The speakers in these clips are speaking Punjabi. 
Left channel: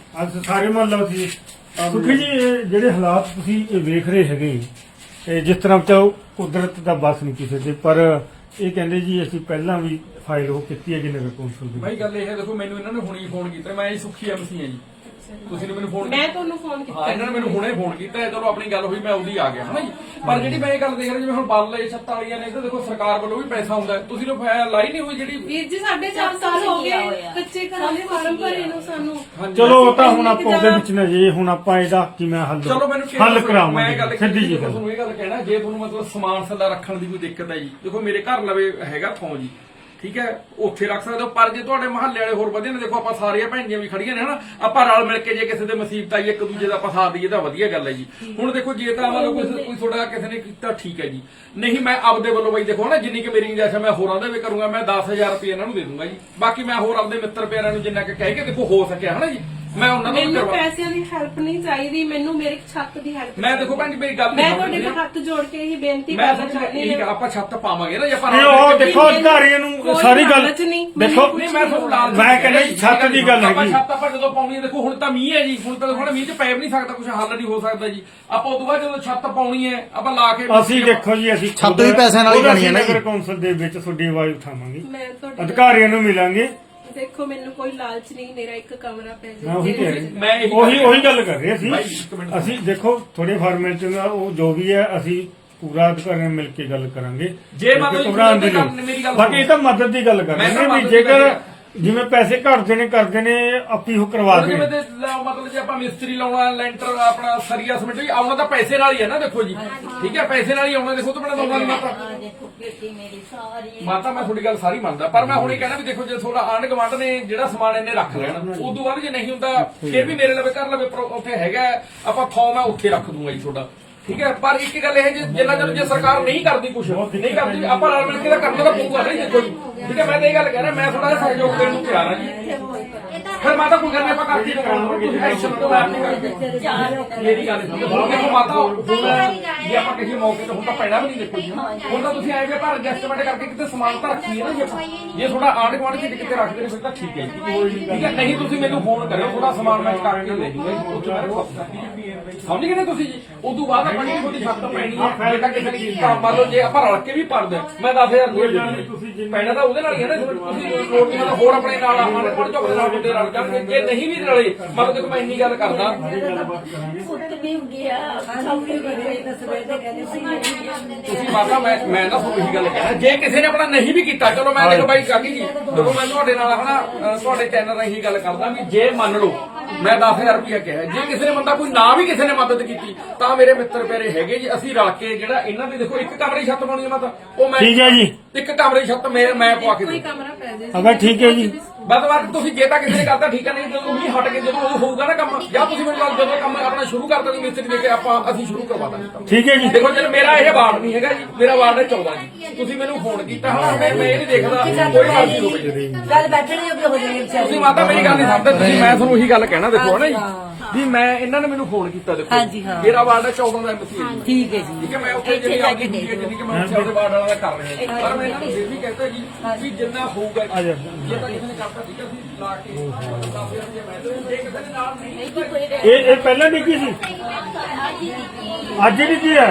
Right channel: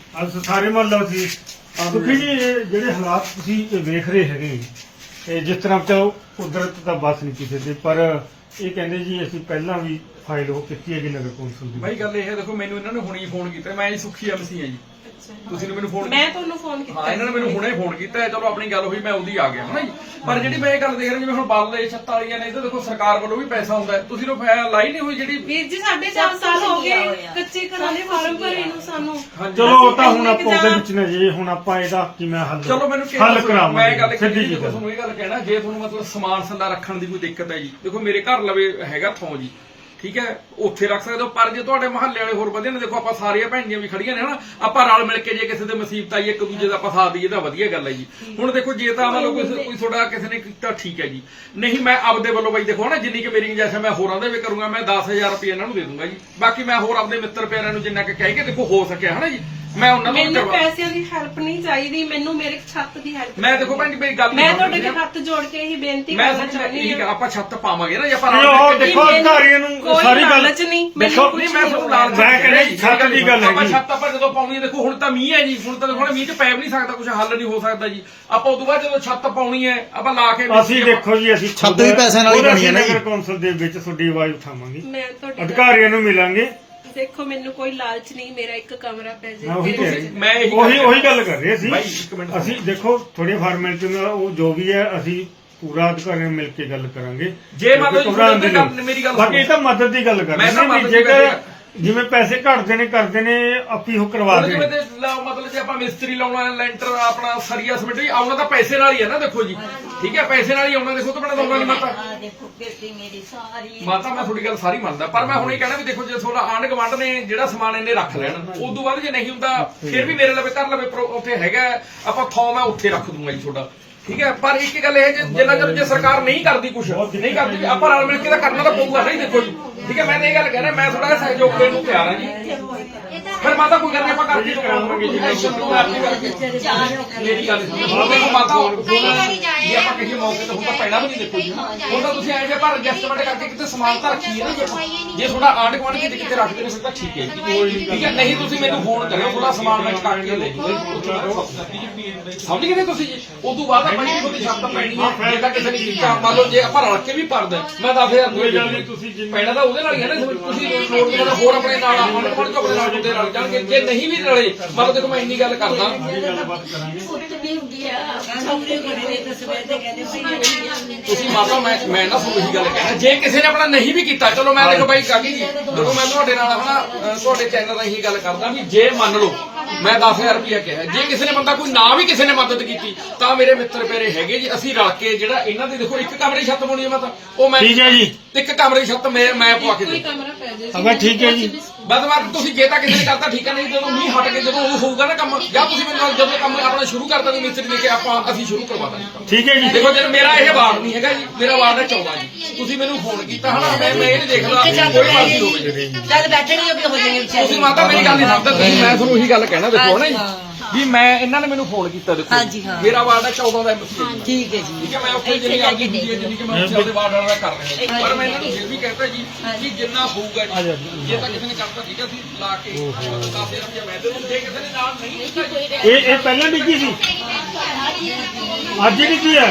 ਅੱਜ ਸਾਰੇ ਮਹੱਲੇ ਸੀ ਸੁਖੀ ਜੀ ਜਿਹੜੇ ਹਾਲਾਤ ਤੁਸੀਂ ਇਹ ਵੇਖ ਰਹੇ ਹੈਗੇ ਤੇ ਜਿਸ ਤਰ੍ਹਾਂ ਚਾਹੋ ਕੁਦਰਤ ਦਾ ਬਸ ਨਹੀਂ ਕਿਸੇ ਦੇ ਪਰ ਇਹ ਕਹਿੰਦੇ ਜੀ ਅਸੀਂ ਪਹਿਲਾਂ ਵੀ ਫਾਈਲ ਉਹ ਕੀਤੀ ਹੈ ਨਗਰ ਕੌਂਸਲ ਦੀ। ਭਾਈ ਗੱਲ ਇਹ ਹੈ ਦੇਖੋ ਮੈਨੂੰ ਇਹਨਾਂ ਨੇ ਹੁਣੇ ਹੀ ਫੋਨ ਕੀਤਾ ਮੈਂ ਜੀ ਸੁਖੀ ਐਮਸੀ ਆ ਜੀ ਤੁਸੀਂ ਨੇ ਮੈਨੂੰ ਫੋਨ ਮੈਂ ਤੁਹਾਨੂੰ ਫੋਨ ਕੀਤਾ ਹਾਂ ਇਹਨਾਂ ਨੇ ਮੈਨੂੰ ਹੁਣੇ ਫੋਨ ਕੀਤਾ ਚਲੋ ਆਪਣੀ ਗੱਲ ਹੋਈ ਮੈਂ ਉਹਦੀ ਆ ਗਿਆ ਹਨਾ ਜੀ ਪਰ ਜਿਹੜੀ ਮੈਂ ਇਹ ਗੱਲ ਦੇਖ ਰਿਹਾ ਜਿਵੇਂ ਹੁਣ ਬਾਲੇ ਛੱਤਾਂ ਵਾਲੀਆਂ ਨੇ ਇਹਦਾ ਦੇਖੋ ਸਰਕਾਰ ਵੱਲੋਂ ਵੀ ਪੈਸਾ ਹੁੰਦਾ ਤੁਸੀਂ ਲੋਕ ਲਾਈ ਨਹੀਂ ਹੋਈ ਜਿਹੜੀ ਵੀਰ ਜੀ 4.5 ਸਾਲ ਹੋ ਗਏ ਕੱਚੇ ਘਰਾਂ ਦੇ ਫਾਰਮ ਭਰੇ ਨੂੰ ਸਾਨੂੰ। ਚਲੋ ਉਹ ਤਾਂ ਹੁਣ ਆਪਾਂ ਉਹਦੇ ਵਿੱਚ ਨੇ ਜੀ ਹੁਣ ਆਪਾਂ ਇਹਦਾ ਕਿਵੇਂ ਚਲੋ ਮੈਨੂੰ ਹੱਲ ਕਰਾਵਾਂਗੇ। ਮੈਂ ਗੱਲ ਸਿੱਧੀ ਜੀ ਤੁਹਾਨੂੰ ਇਹ ਗੱਲ ਕਹਿਣਾ ਜੇ ਤੁਹਾਨੂੰ ਮਤਲਬ ਸਮਾਨ ਸੰਦਾ ਰੱਖਣ ਦੀ ਕੋਈ ਦਿੱਕਤ ਹੈ ਜੀ ਦੇਖੋ ਮੇਰੇ ਘਰ ਲਵੇ ਹੈਗਾ ਥੋਂ ਜੀ ਠੀਕ ਹੈ ਉੱਥੇ ਰੱਖ ਸਕਦੇ ਹੋ ਪਰ ਜੇ ਤੁਹਾਡੇ ਮਹੱਲੇ ਵਾਲੇ ਹੋਰ ਵਧੀਆ ਨੇ ਦੇਖੋ ਆਪਾਂ ਸਾਰੀਆਂ ਭੈਣੀਆਂ ਵੀ ਖੜੀਆਂ ਨੇ ਹਨਾ ਆਪਾਂ ਰਲ ਮਿਲ ਕੇ ਜੇ ਕਿਸੇ ਦੇ ਮੁਸੀਬਤ ਆਈ ਇੱਕ ਦੂਜੇ ਦਾ ਆਪਾਂ ਸਾਥ ਦਈਏ ਤਾਂ ਵਧੀਆ ਗੱਲ ਹੈ ਜੀ। ਹੁਣ ਦੇਖੋ ਜੇ ਤਾਂ ਮਤਲਬ ਕੋਈ ਤੁਹਾਡਾ ਕਿਸੇ ਨੇ ਕੀਤਾ ਠੀਕ ਹੈ ਜੀ ਨਹੀਂ ਮੈਂ ਆਪਦੇ ਵੱਲੋਂ ਬਾਈ ਦੇਖੋ ਨਾ ਜਿੰਨੀ ਕਿ ਮੇਰੀ ਜੈਸੇ ਮੈਂ ਹੋਰਾਂ ਦੇ ਵੀ ਕਰੂੰਗਾ ਮੈਂ 10,000 ਰੁਪਏ ਇਹਨਾਂ ਨੂੰ ਦੇ ਦੂੰਗਾ ਜੀ ਬਾਕੀ ਮੈਂ ਹੋਰ ਆਪਦੇ ਮਿੱਤਰ ਪਿਆਰਿਆਂ ਨੂੰ ਜਿੰਨਾ ਕਿ ਕਹਿ ਕੇ ਦੇਖੋ ਹੋ ਸਕਿਆ ਹਨਾ ਜੀ ਮੈਂ ਉਹਨਾਂ ਨੂੰ ਮੈਨੂੰ ਪੈਸਿਆਂ ਦੀ ਹੈਲਪ ਨਹੀਂ ਚਾਹੀਦੀ ਮੈਨੂੰ ਮੇਰੇ ਛੱਤ ਦੀ ਹੈਲਪ ਮੈਂ ਦੇਖੋ ਭੈਣ ਜੀ ਮੇਰੀ ਗੱਲ ਮੈਂ ਤੁਹਾਡੇ ਅੱਗੇ ਹੱਥ ਜੋੜ ਕੇ ਇਹੀ ਬੇਨਤੀ ਕਰਨਾ ਚਾਹੁੰਦੀ ਹਾਂ ਆਪਾਂ ਛੱਤ ਪਾਵਾਂਗੇ ਨਾ ਜੇ ਆਪਾਂ ਦੇਖੋ ਅਧਿਕਾਰੀਆਂ ਨੂੰ ਸਾਰੀ ਗੱਲ ਦੇਖੋ ਨਹੀਂ ਮੈਂ ਤੁਹਾਨੂੰ ਲਾਲ ਮੈਂ ਕਹਿੰਦਾ ਛੱਤ ਦੀ ਗੱਲ ਆਪਾਂ ਹੈਗੀ ਛੱਤ ਆਪਾਂ ਜਦੋਂ ਪਾਉਣੀ ਹੈ ਦੇਖੋ ਹੁਣ ਤਾਂ ਮੀਂਹ ਹੈ ਜੀ ਹੁਣ ਤਾਂ ਦੇਖੋ ਮੀਂਹ ਚ ਪੈ ਵੀ ਨਹੀਂ ਸਕਦਾ ਕੁਝ ਹੱਲ ਨਹੀਂ ਹੋ ਸਕਦਾ ਜੀ ਆਪਾਂ ਉਦੋਂ ਬਾਅਦ ਜਦੋਂ ਛੱਤ ਪਾਉਣੀ ਹੈ ਆਪਾਂ ਲਾ ਕੇ ਅਸੀਂ ਦੇਖੋ ਜੀ ਅਸੀਂ ਛੱਤ ਵੀ ਪੈਸਿਆਂ ਨਾਲ ਹੀ ਕਰਨੀ ਹੈ ਨਾ ਜੀ। ਨਗਰ ਕੌਂਸਲ ਦੇ ਵਿੱਚ ਤੁਹਾਡੀ ਆਵਾਜ਼ ਉਠਾਵਾਂਗੇ ਮੈਂ ਤੁਹਾਡੇ ਅਧਿਕਾਰੀਆਂ ਨੂੰ ਮਿਲਾਂਗੇ। ਦੇਖੋ ਮੈਨੂੰ ਕੋਈ ਲਾਲਚ ਨਹੀਂ ਮੇਰਾ ਇੱਕ ਕਮਰਾ ਪੈ ਮੈਂ ਉਹੀ ਗੱਲ ਕਰ ਰਹੇ ਸੀ ਬਾਈ ਇੱਕ ਮਿੰਟ ਅਸੀਂ ਦੇਖੋ ਥੋੜੇ ਫਾਰਮੈਲਿਟੀ ਨਾਲ ਉਹ ਜੋ ਵੀ ਹੈ ਅਸੀਂ ਪੂਰਾ ਅਧਿਕਾਰੀਆਂ ਮਿਲ ਕੇ ਗੱਲ ਕਰਾਂਗੇ ਜੇ ਮਤਲਬ ਮੇਰੀ ਗੱਲ ਬਾਕੀ ਇਹ ਤਾਂ ਮਦਦ ਦੀ ਗੱਲ ਕਰ ਮੈਂ ਰਹੇ ਨੇ ਜੇਕਰ ਜਿਵੇਂ ਪੈਸੇ ਘਟਦੇ ਨੇ ਕਰਦੇ ਨੇ ਆਪੀ ਉਹ ਕਰਵਾ ਦੇ ਮਤਲਬ ਜੇ ਆਪਾਂ ਮਿਸਤਰੀ ਲਾਉਣਾ ਲੈਂਟਰ ਆਪਣਾ ਸਰੀਆ ਸਮਿਟ ਵੀ ਆਉਣਾ ਤਾਂ ਪੈਸੇ ਨਾਲ ਹੀ ਹੈ ਨਾ ਦੇਖੋ ਜੀ ਠੀਕ ਹੈ ਪੈਸੇ ਨਾਲ ਹੀ ਆਉਣਾ ਦੇਖੋ ਤੋਂ ਬਿਨਾਂ ਦਊਗਾ ਨਹੀਂ ਮਾਤਾ ਦੇਖੋ ਬੇਟੀ ਮੇਰੀ ਸਾਰੀ ਮਾਤਾ ਮੈਂ ਤੁਹਾਡੀ ਗੱਲ ਸਾਰੀ ਮੰਨਦਾ ਪਰ ਮੈਂ ਹੁਣ ਇਹ ਕਹਿਣਾ ਵੀ ਦੇਖੋ ਜੇ ਤੁਹਾਡਾ ਆਂਢ ਗੁਆਂਢ ਨੇ ਜਿਹੜਾ ਸਮਾਨ ਇਹਨੇ ਰੱਖ ਲੈਣਾ ਉਦੋਂ ਬਾਅਦ ਜੇ ਨਹੀਂ ਹੁੰਦਾ ਫਿਰ ਵੀ ਮੇਰੇ ਲਵੇ ਘਰ ਲਵੇ ਉੱਥੇ ਹੈਗਾ ਆਪਾਂ ਥੋਂ ਮੈਂ ਉੱਥੇ ਰੱਖ ਦੂੰਗਾ ਜੀ ਤੁਹਾਡਾ ਠੀਕ ਹੈ ਪਰ ਇੱਕ ਗੱਲ ਇਹ ਜਿੰਨਾ ਚਿਰ ਜੇ ਸਰਕਾਰ ਨਹੀਂ ਕਰਦੀ ਕੁਝ ਨਹੀਂ ਕਰਦੀ ਆਪਾਂ ਰਲ ਮਿਲ ਕੇ ਤਾਂ ਕਰਨਾ ਤਾਂ ਪਊਗਾ ਨਹੀਂ ਦੇਖੋ ਜੀ ਠੀਕ ਹੈ ਮੈਂ ਇਹ ਗੱਲ ਕਹਿ ਰਿਹਾ ਮੈਂ ਥੋੜਾ ਸਹਿਯੋਗ ਦੇਣ ਨੂੰ ਤਿਆਰ ਹਾਂ ਜੀ ਫਿਰ ਮਾਤਾ ਕੋਈ ਗੱਲ ਨਹੀਂ ਆਪਾਂ ਕਰਦੀ ਮੇਰੀ ਗੱਲ ਦੇਖੋ ਮਾਤਾ ਜੇ ਆਪਾਂ ਕਿਸੇ ਮੌਕੇ ਤੇ ਹੁਣ ਤਾਂ ਪੈਣਾ ਵੀ ਨਹੀਂ ਦੇਖੋ ਜੀ ਹੁਣ ਤਾਂ ਤੁਸੀਂ ਆਏ ਜੇ ਪਰ ਐਡਜਸਟਮੈਂਟ ਕਰਕੇ ਕਿਤੇ ਸਮਾਨ ਤਾਂ ਰੱਖੀਏ ਨਾ ਜੇ ਥੋੜਾ ਆਂਢ ਗੁਆਂਢ ਕੇ ਕਿਤੇ ਰੱਖਦੇ ਨੇ ਫਿਰ ਤਾਂ ਠੀਕ ਹੈ ਠੀਕ ਹੈ ਨਹੀਂ ਤੁਸੀਂ ਮੈਨੂੰ ਫੋਨ ਕਰਿਓ ਥੋੜਾ ਸਮਾਨ ਮੈਂ ਚੁਕਾ ਕੇ ਲੈ ਜੂਗਾ ਸਮਝ ਗਏ ਤੁਸੀਂ ਜੀ ਉਦੋਂ ਬਾਅਦ ਆਪਣੀ ਥੋੜੀ ਛੱਤ ਪੈਣੀ ਹੈ ਜੇ ਤਾਂ ਕਿਸੇ ਨੇ ਕੀਤਾ ਮੰਨ ਲਓ ਜੇ ਆਪਾਂ ਰਲ ਕੇ ਵੀ ਪੜਦੇ ਮੈਂ 10,000 ਤੁਸੀਂ ਪੈਣਾ ਤਾਂ ਉਹਦੇ ਨਾਲ ਹੀ ਹੈ ਨਾ ਤੁਸੀਂ ਲੋੜ ਨਹੀਂ ਹੋਰ ਆਪਣੇ ਨਾਲ ਆਪਣੇ ਕੋਲ ਆਪਣੇ ਨਾਲ ਮੁੰਡੇ ਰਲ ਜਾਣਗੇ ਜੇ ਨਹੀਂ ਵੀ ਰਲੇ ਮਤਲਬ ਦੇਖੋ ਮੈਂ ਇੰਨੀ ਗੱਲ ਕਰਦਾ ਤੁਸੀਂ ਮਾਤਾ ਮੈਂ ਨਾ ਉਹੀ ਗੱਲ ਕਹਿਣਾ ਜੇ ਕਿਸੇ ਨੇ ਆਪਣਾ ਨਹੀਂ ਵੀ ਕੀਤਾ ਚਲੋ ਮੈਂ ਦੇਖੋ ਬਾਈ ਕਾਕੀ ਜੀ ਦੇਖੋ ਮੈਂ ਤੁਹਾਡੇ ਨਾਲ ਹਨਾ ਤੁਹਾਡੇ ਚੈਨਲ ਰਾਹੀਂ ਇਹੀ ਗੱਲ ਕਰਦਾ ਵੀ ਜੇ ਮੰਨ ਲਓ ਮੈਂ 10,000 ਰੁਪਇਆ ਕਿਹਾ ਜੇ ਕਿਸੇ ਨੇ ਬੰਦਾ ਕੋਈ ਨਾ ਵੀ ਕਿਸੇ ਨੇ ਮਦਦ ਕੀਤੀ ਤਾਂ ਮੇਰੇ ਮਿੱਤਰ ਪਿਆਰੇ ਹੈਗੇ ਜੀ ਅਸੀਂ ਰਲ ਕੇ ਜਿਹੜਾ ਇਹਨਾਂ ਦੀ ਦੇਖੋ ਇੱਕ ਕਮਰੇ ਦੀ ਛੱਤ ਪਾਉਣੀ ਹੈ ਮਾਤਾ ਉਹ ਮੈਂ ਠੀਕ ਹੈ ਜੀ ਇੱਕ ਕਮਰੇ ਦੀ ਛੱਤ ਮੈਂ ਪਵਾ ਕੇ ਕੋਈ ਕਮਰਾ ਪੈ ਜਾਏ ਅਗਾ ਠੀਕ ਹੈ ਜੀ ਬਸ ਮੈਂ ਤੁਸੀਂ ਜੇ ਤਾਂ ਕਿਸੇ ਨੇ ਕਰਤਾ ਠੀਕ ਹੈ ਨਹੀਂ ਜਦੋਂ ਨਹੀਂ ਹਟ ਕੇ ਜਦੋਂ ਉਹ ਹੋਊਗਾ ਨਾ ਕੰਮ ਜਾਂ ਤੁਸੀਂ ਮੈਨੂੰ ਜਦੋਂ ਕੰਮ ਆਪਣਾ ਸ਼ੁਰੂ ਕਰ ਦੋਗੇ ਮਿਸਤਰੀ ਲੈ ਕੇ ਅਸੀਂ ਸ਼ੁਰੂ ਕਰਵਾ ਦਾਂਗੇ ਕੰਮ ਠੀਕ ਹੈ ਜੀ ਦੇਖੋ ਜੇ ਮੇਰਾ ਇਹ ਵਾਰਡ ਨਹੀਂ ਹੈਗਾ ਜੀ ਮੇਰਾ ਵਾਰਡ ਹੈ 14 ਜੀ ਤੁਸੀਂ ਮੈਨੂੰ ਫੋਨ ਕੀਤਾ ਹਨਾ ਮੈਂ ਇਹ ਨਹੀਂ ਦੇਖਦਾ ਕੋਈ ਮਰਜ਼ੀ ਹੋਵੇ ਚੱਲ ਬੈਠਣੀ ਹੋ ਜਾਣਗੇ ਵਿਚਾਰੇ ਤੁਸੀਂ ਮਾਤਾ ਮੇਰੀ ਗੱਲ ਨਹੀਂ ਸਮਝਦੇ ਤੁਸੀਂ ਮੈਂ ਤੁਹਾਨੂੰ ਉਹੀ ਗੱਲ ਕਹਿਣਾ ਦੇਖੋ ਹਨਾ ਜੀ ਵੀ ਮੈਂ ਇਹਨਾਂ ਨੇ ਮੈਨੂੰ ਫੋਨ ਕੀਤਾ ਦੇਖੋ ਹਾਂਜੀ ਹਾਂ ਮੇਰਾ ਵਾਰਡ ਹੈ 14 ਦਾ ਐਮਸੀ ਠੀਕ ਹੈ ਜੀ ਠੀਕ ਹੈ ਮੈਂ ਉੱਥੇ ਜਿਹੜੀ ਆਪਦੀ ਹੁੰਦੀ ਹੈ ਜਿੰਨੀ ਕਿ ਮੈਂ ਉੱਥੇ ਉਹਦੇ ਵਾਰਡ ਵਾਲਾ ਕਰ ਰਿਹਾ ਪਰ ਮੈਂ ਇਹਨਾਂ ਨੂੰ ਫਿਰ ਵੀ ਕਹਿੰਦਾ ਜੀ ਕਿ ਜਿੰਨਾ ਹੋਊਗਾ ਜੇ ਤਾਂ ਕਿਸੇ ਨੇ ਕਰਤਾ ਠੀਕ ਹੈ ਅਸੀਂ ਲਾ ਕੇ 10,000 ਰੁਪਏ ਮੈਂ ਦੇ ਜੇ ਕਿਸੇ ਨੇ ਨਾਲ ਨਹੀਂ ਕੀਤਾ ਇਹ ਪਹਿਲਾਂ ਨਹੀਂ ਕੀ ਸੀ ਅੱਜ ਵੀ ਕੀ ਹੈ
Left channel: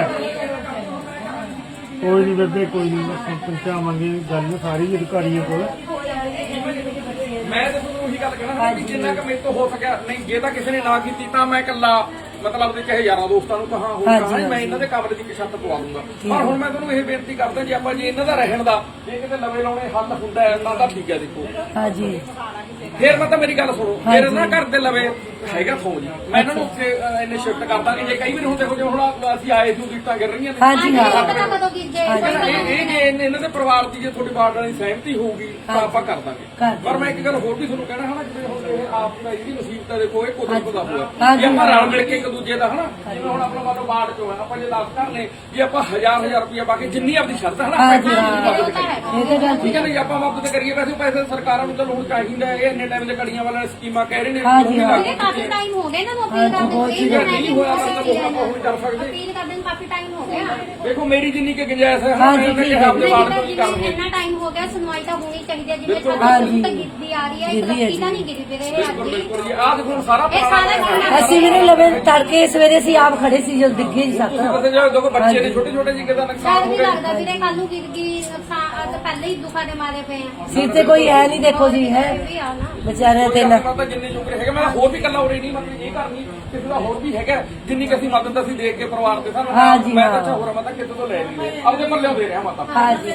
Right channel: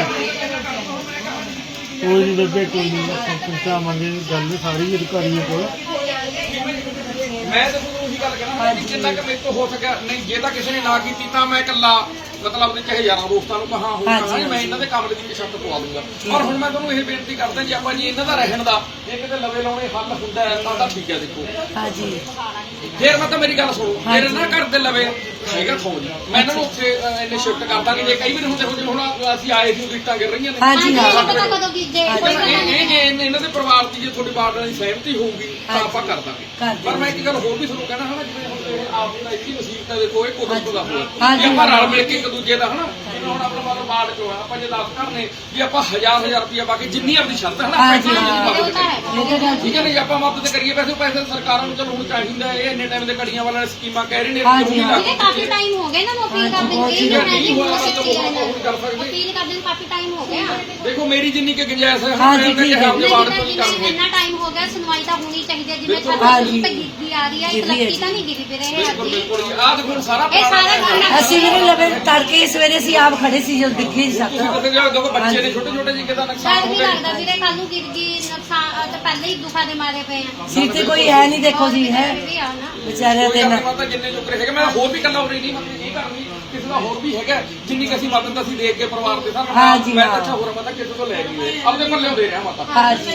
ਕੋਈ ਨਹੀਂ ਬੇਬੇ ਕੋਈ ਨਹੀਂ ਪਹੁੰਚਾਵਾਂਗੇ ਗੱਲ ਸਾਰੀ ਅਧਿਕਾਰੀਆਂ ਕੋਲ ਮੈਂ ਤਾਂ ਤੁਹਾਨੂੰ ਉਹੀ ਗੱਲ ਕਹਿਣਾ ਕਿ ਜਿੰਨਾ ਕਿ ਮੇਰੇ ਤੋਂ ਹੋ ਸਕਿਆ ਨਹੀਂ ਜੇ ਤਾਂ ਕਿਸੇ ਨੇ ਨਾ ਕੀਤੀ ਤਾਂ ਮੈਂ ਇਕੱਲਾ ਮਤਲਬ ਦੇ ਚਾਹੇ ਯਾਰਾਂ ਦੋਸਤਾਂ ਨੂੰ ਕਹਾਂ ਹੋਊਗਾ ਮੈਂ ਇਹਨਾਂ ਦੇ ਕਮਰੇ ਦੀ ਛੱਤ ਪਵਾ ਦੂੰਗਾ ਪਰ ਹੁਣ ਮੈਂ ਤੁਹਾਨੂੰ ਇਹ ਬੇਨਤੀ ਕਰਦਾ ਜੀ ਆਪਾਂ ਜੀ ਇਹਨਾਂ ਦਾ ਰਹਿਣ ਦਾ ਜੇ ਕਿਤੇ ਲਵੇ ਲਾਉਣੇ ਹੱਲ ਹੁੰਦਾ ਹੈ ਤਾਂ ਠੀਕ ਹੈ ਦੇਖੋ ਹਾਂਜੀ ਫਿਰ ਮੈਂ ਤਾਂ ਮੇਰੀ ਗੱਲ ਸੁਣੋ ਫਿਰ ਇਹਨਾਂ ਘਰ ਦੇ ਲਵੇ ਹੈਗਾ ਥੋਂ ਜੀ ਮੈਂ ਇਹਨਾਂ ਨੂੰ ਉੱਥੇ ਇੰਨੇ ਸ਼ਿਫਟ ਕਰ ਦਾਂਗੇ ਜੇ ਕਈ ਵਾਰ ਹੁੰਦੇ ਹੋ ਜੇ ਹੁਣ ਅਸੀਂ ਆਏ ਸੀ ਰਿਟਾਂ ਕਰ ਰਹੀਆਂ ਨੇ ਹਾਂਜੀ ਇਹ ਜੇ ਇਹਨਾਂ ਦੇ ਪਰਿਵਾਰ ਦੀ ਜੇ ਤੁਹਾਡੀ ਬਾਤ ਨਾਲ ਸਹਿਮਤੀ ਹੋਊਗੀ ਤਾਂ ਆਪਾਂ ਕਰ ਦਾਂਗੇ ਪਰ ਮੈਂ ਇੱਕ ਗੱਲ ਹੋਰ ਵੀ ਤੁਹਾਨੂੰ ਕਹਿਣਾ ਹਨਾ ਜਿਵੇਂ ਹੁਣ ਇਹ ਆਪ ਦਾ ਇਹਦੀ ਨਸੀਬਤ ਹੈ ਦੇਖੋ ਇਹ ਕੁਦਰਤ ਦਾ ਹੋਇਆ ਜੇ ਆਪਾਂ ਰਲ ਮਿਲ ਕੇ ਇੱਕ ਦੂਜੇ ਦਾ ਹਨਾ ਜਿਵੇਂ ਹੁਣ ਆਪਣਾ ਮਤਲਬ ਬਾੜ ਚੋਂ ਹੈ ਆਪਾਂ ਜੇ 10 ਘਰ ਨੇ ਜੇ ਆਪਾਂ 1000 ਰੁਪਇਆ ਪਾ ਕੇ ਜਿੰਨੀ ਆਪਣੀ ਸ਼ਰਤ ਹੈ ਨਾ ਮਦਦ ਕਰੀਏ ਠੀਕ ਹੈ ਨਾ ਜੇ ਆਪਾਂ ਮਦਦ ਕਰੀਏ ਪੈਸੇ ਸਰਕਾਰਾਂ ਨੂੰ ਚਲੋ ਹੁਣ ਚਾਹੀਦਾ ਇਹ ਇੰਨੇ ਟਾਈਮ ਦੇ ਕੜੀਆਂ ਵਾਲਾ ਸਕੀਮਾਂ ਕਹਿ ਰਹੇ ਨੇ ਕਿਉਂ ਨਹੀਂ ਲਾਗੂ ਕੀਤੀਆਂ ਟਾਈਮ ਹੋ ਗਿਆ ਨਾ ਉਹ ਅਪੀਲ ਕਰਦੇ ਠੀਕ ਹੈ, ਨਹੀਂ ਹੋਇਆ ਮਤਲਬ ਉਹ ਨਹੀਂ ਕਰ ਸਕਦੇ। ਅਪੀਲ ਕਰਦੇ ਨੂੰ ਕਾਫੀ ਟਾਈਮ ਹੋ ਗਿਆ ਦੇਖੋ ਮੇਰੀ ਜਿੰਨੀ ਕਿ ਗੁੰਜਾਇਸ਼ ਹੈ ਹਾਂ ਮੈਂ ਉਹਨੇ ਕਿਹਾ ਆਪਣੇ ਵਾਰਡ ਤੋਂ ਨਹੀਂ ਕਰਨੀ ਇੰਨਾ ਟਾਈਮ ਹੋ ਗਿਆ ਸੁਣਵਾਈ ਤਾਂ ਹੋਣੀ ਚਾਹੀਦੀ ਹੈ ਜਿਵੇਂ ਛੋਟੀ ਗਿਰਦੀ ਆ ਰਹੀ ਹੈ ਇੱਕ ਲੱਕੀ ਤਾਂ ਨਹੀਂ ਗਿਰੀ ਫਿਰ ਇਹ ਅੱਧੀ ਬਿਲਕੁਲ ਜੀ ਆਹ ਦੇਖੋ ਸਾਰਾ ਇਹ ਸਾਰਾ ਪੁਰਾਣਾ ਅਸੀਂ ਵੀ ਲਵੇ ਤੜਕੇ ਸਵੇਰੇ ਸੀ ਆਪ ਖੜੇ ਸੀ ਜਦ ਡਿੱਗੇ ਜੀ ਤੁਸੀਂ ਛੱਤ ਕਿਤੇ ਜਾਓ ਦੇਖੋ ਬੱਚੇ ਨੇ ਛੋਟੇ ਛੋਟੇ ਜੀ ਕਿਦਾ ਨੁਕਸਾਨ ਸਾਨੂੰ ਹੋ ਵੀ ਗਿਆ ਲੱਗਦਾ ਵੀਰੇ ਕੱਲ ਨੂੰ ਗਿਰ ਗਈ ਨੁਕਸਾਨ ਤਾਂ ਪਹਿਲੇ ਹੀ ਦੁੱਖਾਂ ਦੇ ਮਾਰੇ ਪਏ ਆ ਸਿਰ ਤੇ ਕੋਈ ਹੈ ਨਹੀਂ ਦੇਖੋ ਜੀ ਹੈ ਵੀ ਆ ਨਾ ਵਿਚਾਰਿਆਂ ਕੋਈ ਤੇ ਗੱਲ ਨਾ ਨਹੀਂ ਮਾਤਾ ਜਿੰਨੇ ਜੁਕਰੇ ਹੈਗੇ ਮੈਂ ਹੋਰ ਵੀ ਕੱਲਾ ਹੋ ਰਹੀ ਨਹੀਂ ਮਤਲਬ ਇਹ ਘਰ ਨਹੀਂ ਕਿਸੇ ਦਾ ਹੋਰ ਵੀ ਹੈਗਾ ਜਿੰਨੀ ਕਿ ਅਸੀਂ ਮਦਦ ਅਸੀਂ ਦੇਖ ਕੇ ਪਰਿਵਾਰ ਦੇ ਸਾਹਮਣੇ ਹਾਂਜੀ, ਮੈਂ ਤਾਂ ਹਾਂ। ਅੱਛਾ ਹੋਰ ਮਾਤਾ ਕਿਸੇ ਤੋਂ ਲੈ ਨਹੀਂ ਆਪਣੇ ਪੱਲੇ ਦੇ ਰਿਹਾ ਮਾਤਾ ਹਾਂ ਜੀ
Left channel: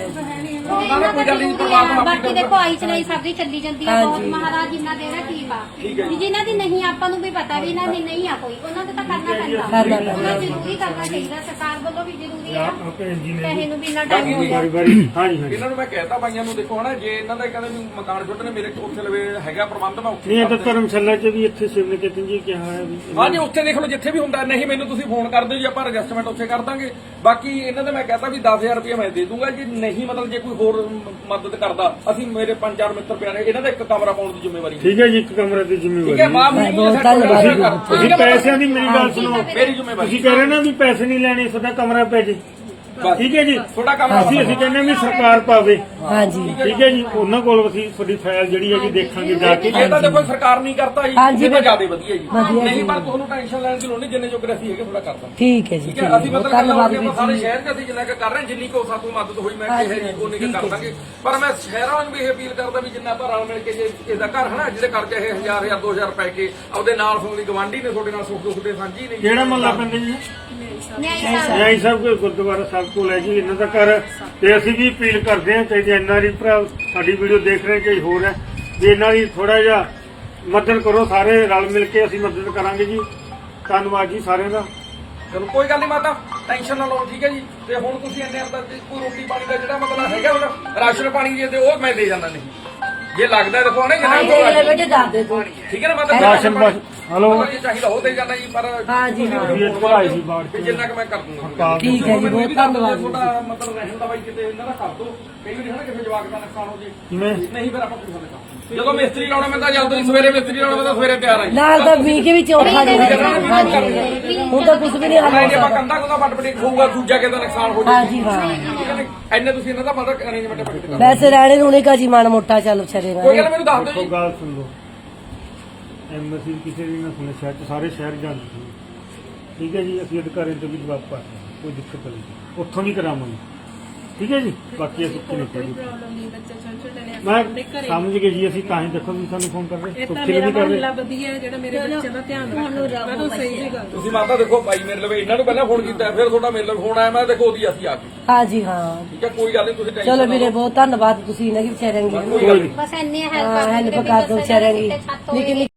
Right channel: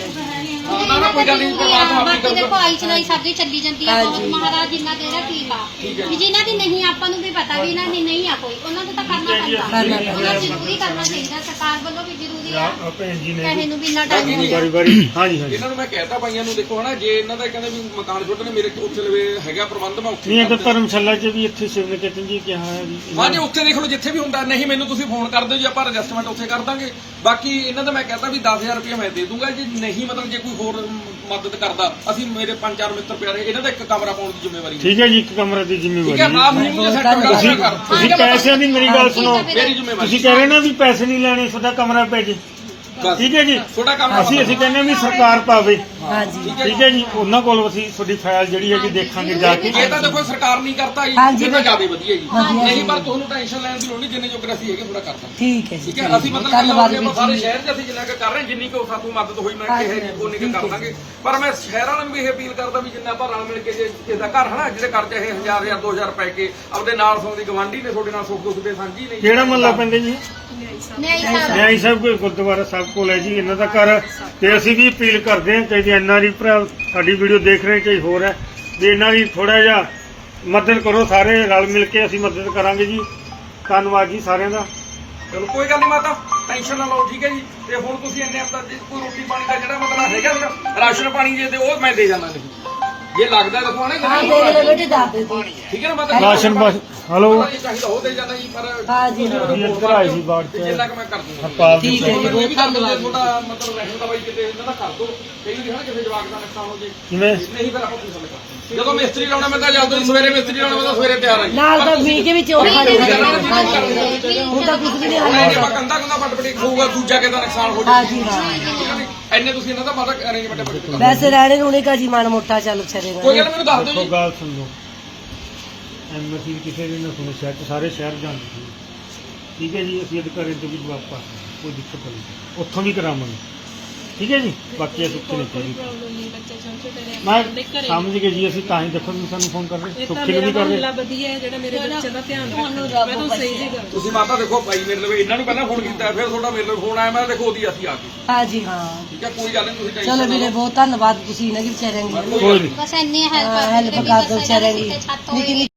ਨਾ ਨਾ ਕੋਈ ਗੱਲ ਨਹੀਂ ਪਰਮਾਤਮਾ ਆਪਣੀ ਬਾਕੀ ਕਰੂਗਾ ਦੇਖੋ ਆਈ ਚਲਾਈ ਸਭ ਦੀ ਚੱਲੀ ਜਾਂਦੀ ਆ ਬਹੁਤ ਮਹਾਰਾਜ ਜਿੰਨਾ ਦੇਣਾ ਠੀਕ ਆ ਵੀ ਜਿਨ੍ਹਾਂ ਦੀ ਨਹੀਂ ਆਪਾਂ ਨੂੰ ਵੀ ਪਤਾ ਵੀ ਇਹਨਾਂ ਦੀ ਨਹੀਂ ਆ ਕੋਈ ਉਹਨਾਂ ਨੂੰ ਤਾਂ ਕਰਨਾ ਪੈਂਦਾ ਉਹਨਾਂ ਜ਼ਰੂਰੀ ਕਰਨਾ ਚਾਹੀਦਾ ਸਰਕਾਰ ਵੱਲੋਂ ਵੀ ਜ਼ਰੂਰੀ ਆ ਭੈਣ ਜੀ ਨੇ ਪੈਸੇ ਨੂੰ ਵੀ ਇੰਨਾ ਟਾਈਮ ਵਾਰੀ ਵਾਰੀ ਹਾਂਜੀ ਹਾਂਜੀ ਇਹਨਾਂ ਨੂੰ ਮੈਂ ਕਹਿਤਾ ਭਾਈਆਂ ਨੂੰ ਦੇਖੋ ਹਨਾ ਜੇ ਇਹਨਾਂ ਦਾ ਕਹਿੰਦੇ ਵੀ ਮਕਾਨ ਛੋਟੇ ਨੇ ਮੇਰੇ ਉੱਥੇ ਲਵੇ ਹੈਗਾ ਪ੍ਰਬੰਧ ਮੈਂ ਉੱਥੇ ਨਹੀਂ ਇਹ ਕਰ ਤਾਂ ਧਰਮਸ਼ਾਲਾ 'ਚ ਵੀ ਇੱਥੇ ਸ਼ਿਵਨਿਕੇਤਨ ਜੀ ਕਿਹਾ ਹੈ ਜੀ ਹਾਂਜੀ ਉੱਥੇ ਦੇਖ ਲਓ ਜਿੱਥੇ ਵੀ ਹੁੰਦਾ ਨਹੀਂ ਮੈਨੂੰ ਤੁਸੀਂ ਫੋਨ ਕਰ ਦਿਓ ਜੀ ਆਪਾਂ ਰਜਿਸਟਰਮੈਂਟ ਉੱਥੇ ਕਰ ਦਾਂਗੇ ਬਾਕੀ ਇਹਨਾਂ ਦਾ ਮੈਂ ਕਹਤਾ ਵੀ 10000 ਰੁਪਏ ਮੈਂ ਦੇ ਦੂੰਗਾ ਜੀ ਨਹੀਂ ਮਤਲਬ ਜੇ ਕੋਈ ਹੋਰ ਮਦਦ ਕਰਦਾ ਅਸੀਂ ਮੇਰੇ 5-4 ਮਿੱਤਰ ਪਿਆਰੇ ਇਹਨਾਂ ਦਾ ਇੱਕ ਕਮਰਾ ਪਾਉਣ ਦੀ ਜ਼ਿੰਮੇਵਾਰੀ ਠੀਕ ਹੈ ਜੀ ਇੱਕ ਕਮਰੇ ਦੀ ਠੀਕ ਹੈ ਜ਼ਿੰਮੇਵਾਰੀ ਬਾਪ ਨੂੰ ਸੈੱਟ ਤੁਸੀਂ ਕਰ ਤੁਸੀਂ ਪੈਸਿਆਂ ਦੀ ਮੇਰੀ ਗੱਲ ਸੁਣੋ ਮੇਰੀ ਜ਼ਿੰਮੇਵਾਰੀ ਤੁਸੀਂ ਕਹਿ ਰਹੇ ਨਾ ਵੀ ਪੈਸੇ ਨਹੀਂ ਲੈਣੇ ਤੁਹਾਡਾ ਕਮਰਾ ਪੈ ਜੇ ਬਸ। ਠੀਕ ਹੈ ਜੀ ਤੁਹਾਡਾ ਕਮਰਾ ਅਸੀਂ ਕਹਿੰਦੇ ਵੀ ਸਰਕਾਰ ਪਾਵੇ ਹਾਂ ਜੀ ਠੀਕ ਹੈ ਜੀ ਉਹਨਾਂ ਕੋਲ ਅਸੀਂ ਤੁਹਾਡੀ ਫਾਈਲ ਜਿਹੜੀ ਹੈਗੀ ਦੇਖਾਂਗੇ ਜਾ ਕੇ ਇਹ ਤਾਂ ਦੇਖੋ ਸਰਕਾਰ ਨਹੀਂ ਕਰਤਾ ਜੀ ਹਾਂਜੀ, ਇਹ ਤਾਂ ਜ਼ਿਆਦਾ ਵਧੀਆ ਜੀ ਵਧੀਆ ਨਹੀਂ ਪਰ ਤੁਹਾਨੂੰ ਟੈਨਸ਼ਨ ਲੈਣ ਦੀ ਲੋੜ ਨਹੀਂ ਜਿੰਨੇ ਜੋਗਰ ਅਸੀਂ ਹੈਗੇ ਥੋੜਾ ਕਰਦਾ ਠੀਕ ਹੈ ਜੀ ਠੀਕ ਹੈ ਅਸੀਂ ਮਤਲਬ ਧੰਨਵਾਦ ਕਿ ਵੀਰ ਸਾਰੇ ਜੀ ਸ਼ਹਿਰ 'ਚ ਅਸੀਂ ਜਿੰਨਾ ਕੁ ਕਰ ਰਹੇ ਹਾਂ ਜਿੰਨੀ ਕੋ ਸਾਤੋਂ ਮਦਦ ਹੋਈ ਮੈਂ ਕਿਹਾ ਜੀ ਉਹਨੇ ਕੁ ਕਰ ਦਾਂਗੇ ਪਰ ਮੈਂ ਸ਼ਹਿਰਾਂ ਵਾਲਿਆਂ ਨੂੰ ਵੀ ਇਹ ਅਪੀਲ ਕਰਦਾ ਵੀ ਜਿੰਨਾ ਆਪਾਂ ਰਲ ਮਿਲ ਕੇ ਜੇ ਇਹਦਾ ਘਰ ਹੈ ਨਾ ਜਿਹਦੇ ਕਰਜ਼ਾ ਇਹ 1000 2000 ਪੈ ਕੇ ਆਪਦੇ ਨਾਲ ਸੌਂ ਦੀ ਗਵਾਂਢੀ ਨੇ ਤੁਹਾਡੇ ਨਾਲ ਸੁੱਖ ਦੁੱਖ ਦੇ ਸਾਂਝੀ ਨੇ ਕਿਹੜਾ ਮਹੱਲਾ ਪੈਂਦਾ ਜੀ ਨਿਆਈ ਸਾਹਿਬ ਨਿਆਈ ਸਾਹਿਬ ਕੋਈ ਗੁਰਦੁਆਰਾ ਸਾਹਿਬ ਕੋਲ ਹੈ ਜੀ ਇਹਨਾਂ ਦਾ ਘਰ ਤੇ ਅਸੀਂ ਵੀ ਅਪੀਲ ਕਰਦੇ ਹਾਂ ਚਾਹੇ ਐਨਆਰਈ ਭਰਾ ਸਾਡੀ ਵੀਡੀਓ ਦੇਖ ਰਹੇ ਚਾਹੇ ਹੋਰ ਹੈ ਵੀ ਇਹਨਾਂ ਦੀ ਥੋੜਾ ਜਿਹਾ ਮਦਦ ਕਰੋ ਸਾਰੇ ਰਲ ਮਿਲ ਕੇ ਅਸੀਂ ਮਦਦ ਕਰਾਂਗੇ ਜੀ ਧੰਨਵਾਦ ਜੀ ਸਾਰਿਆਂ ਦਾ ਚਲੋ ਕੋਈ ਗੱਲ ਨਹੀਂ ਮਾਤਾ ਟੈਨਸ਼ਨ ਨਾ ਲਓ ਠੀਕ ਹੈ ਜੀ ਤੇ ਹੁਣ ਤੁਸੀਂ ਇੰਨੇ ਅੰਦਰ ਜੇ ਕੋਈ ਰੋਟੀ ਪਾਣੀ ਦਾ ਜਿਹੜਾ ਮਤਲਬ ਹੈਗਾ ਉਹਦਾ ਰਾਸ਼ਨ ਪਾਣੀ ਜੇ ਤੇ ਉਹ ਮੈਂ ਦੇ ਜਾਂਦਾ ਨਹੀਂ ਜੇ ਲੱਗਦਾ ਦੇਖੋ ਨਾ ਜਿੰਨਾ ਦੇਖ ਲੈ ਬੇਟੇ ਦੱਸ ਦੇ ਤੂੰ ਠੀਕ ਹੈ ਨਾ ਮਾਤਾ ਰਾਸ਼ਨ ਬਸ ਹਲੋ ਇਹ ਚਾਹੀਦਾ ਉਹ ਦੇ ਜਾਂਦਾ ਜੀ ਪਰ ਹਾਂ ਜੀ, ਤੁਸੀਂ ਮੈਨੂੰ ਜੀ, ਫੋਨ ਭਾਈ ਮਾਰ ਜੀ, ਦਿਓ ਬਾੜ ਤੇ ਜਿੰਨਾ ਕਿ ਮੈਂ ਕਰ ਦੂੰਗਾ ਹੜਤਾਲ ਦੀ ਠੀਕ ਹੈ ਜੀ, ਬਹੁਤ ਧੰਨਵਾਦ। ਤੁਹਾਡਾ ਮਤਲਬ ਰਹਿਣ ਦਾ ਬਾਈ ਕਿਤੇ ਇਹਨਾਂ ਦਾ ਕਰ ਦੋ ਕਈ ਵਾਰੀ ਹਨਾ ਕਿਸੇ ਜਵਾਕ ਦਾ ਨੁਕਸਾਨ ਹੋ ਜੇ ਕਿਵੇਂ ਨਹੀਂ ਫਿਰ ਆਪਾਂ ਪੁੱਛ ਲੈਂਦੇ ਜਦੋਂ ਮਿਸਤਰੀ ਲਾਉਣਾ ਮੈਂ ਤਾਂ ਜਦੋਂ ਸਵੇਰੇ ਮਿਸਤਰੀ ਲਾਉਣਾ ਮੈਂ ਤਾਂ ਸਵੇਰੇ ਤਿਆਰ ਆ ਜੀ ਨਾਲ ਦਾ ਬੀਜ ਵਿੱਚ ਉਹ ਹੁਣ ਤਾਂ ਕੁਝ ਵੀ ਨਹੀਂ ਨਹੀਂ ਜੇ ਹਾਲ ਆਪਾਂ ਕੰਦਾ ਕੰਦਾ ਫਟ ਫਟ ਹੋਊਗਾ ਦੂਜਾ ਕਿਸੇ ਦਾ ਨੁਕਸਾਨ ਹੋ ਹਾਂ ਜਾਊਗਾ ਜੀ ਹਾਂ ਠੀਕ ਹੈ ਜੀ ਇੰਨੇ ਤੁਸੀਂ ਇਹਨਾਂ ਦਾ ਮਤਲਬ ਅਰੇਂਜਮੈਂਟ ਕਰ ਵੈਸੇ ਰਹਿਣੇ ਰੂਣੇ ਕਾ ਜੀ ਮਾੜਾ ਮੋਟਾ ਚੱਲ ਛੜੇਗਾ ਕੋਈ ਗੱਲ ਮੈਨੂੰ ਦੱਸ ਦਿਓ ਕੋਈ ਜੀ ਗੱਲ ਸੁਣ ਲਓ ਐਮਐਸੀ ਕਿਸੇ ਵੀ ਨਾ ਸੁਣੇ ਸ਼ਹਿਰ ਤੋਂ ਸਾਰੇ ਸ਼ਹਿਰ ਜਾਂਦੇ ਸੀ ਠੀਕ ਹੈ ਜੀ ਅਸੀਂ ਅਧਿਕਾਰੀਆਂ ਤੋਂ ਵੀ ਜਵਾਬ ਪਾ ਰਹੇ ਹਾਂ, ਕੋਈ ਦਿੱਕਤ ਨਹੀਂ ਉੱਥੋਂ ਵੀ ਕਰਾਵਾਂਗੇ ਠੀਕ ਹੈ ਜੀ ਬਾਕੀ ਅਸੀਂ ਕਿਤੇ ਨਹੀਂ ਕਰੀ ਪ੍ਰੋਬਲਮ ਨਹੀਂ ਬੱਚੇ ਛੋਟੇ ਛੋਟੇ ਨੇ ਮੈਂ ਆਪਣੇ ਘਰੇ ਸਮਝ ਗਏ ਜੀ ਅਸੀਂ ਤਾਂ ਹੀ ਦੇਖੋ ਵੀ ਸਾਨੂੰ ਫੋਨ ਕਰਦੇ ਇਹ ਤਾਂ ਸੁੱਖੀ ਮੇਰਾ ਵੀ ਕਰਦੇ ਮਹੱਲਾ ਵਧੀਆ ਹੈ ਜਿਹੜਾ ਮੇਰੇ ਬੱਚੇ ਦਾ ਧਿਆਨ ਰੱਖਦਾ ਮੈਂ ਤਾਂ ਸਹੀ ਜੀ ਗੱਲ ਤੁਸੀਂ ਮਾਤਾ ਦੇਖੋ ਭਾਈ ਮੇਰੇ ਲਵੇ ਇਹਨਾਂ ਨੂੰ ਪਹਿਲਾਂ ਫੋਨ ਕੀਤਾ ਫਿਰ ਤੁਹਾਡਾ ਮੇਰੇ ਲਵੇ ਫੋਨ ਆਇਆ ਮੈਂ ਦੇਖੋ ਉਹਦੀ ਅਸੀਂ ਆ ਗਏ ਹਾਂ ਜੀ ਹਾਂ ਠੀਕ ਹੈ ਕੋਈ ਗੱਲ ਨਹੀਂ ਤੁਸੀਂ ਚਲੋ ਟੈਨਸ਼ਨ ਵੀਰੇ ਬਹੁਤ ਧੰਨਵਾਦ ਤੁਸੀਂ ਇਹਨਾਂ ਦੀ ਵਿਚਾਰਿਆਂ ਦੀ ਕੋਈ ਨਹੀਂ ਬਸ ਇੰਨੀ ਹੈਲਪ ਹੈਲਪ ਕਰ ਦਿਓ ਵਿਚਾਰਿਆਂ ਦੀ ਛੱਤ ਨਿੱਕੀ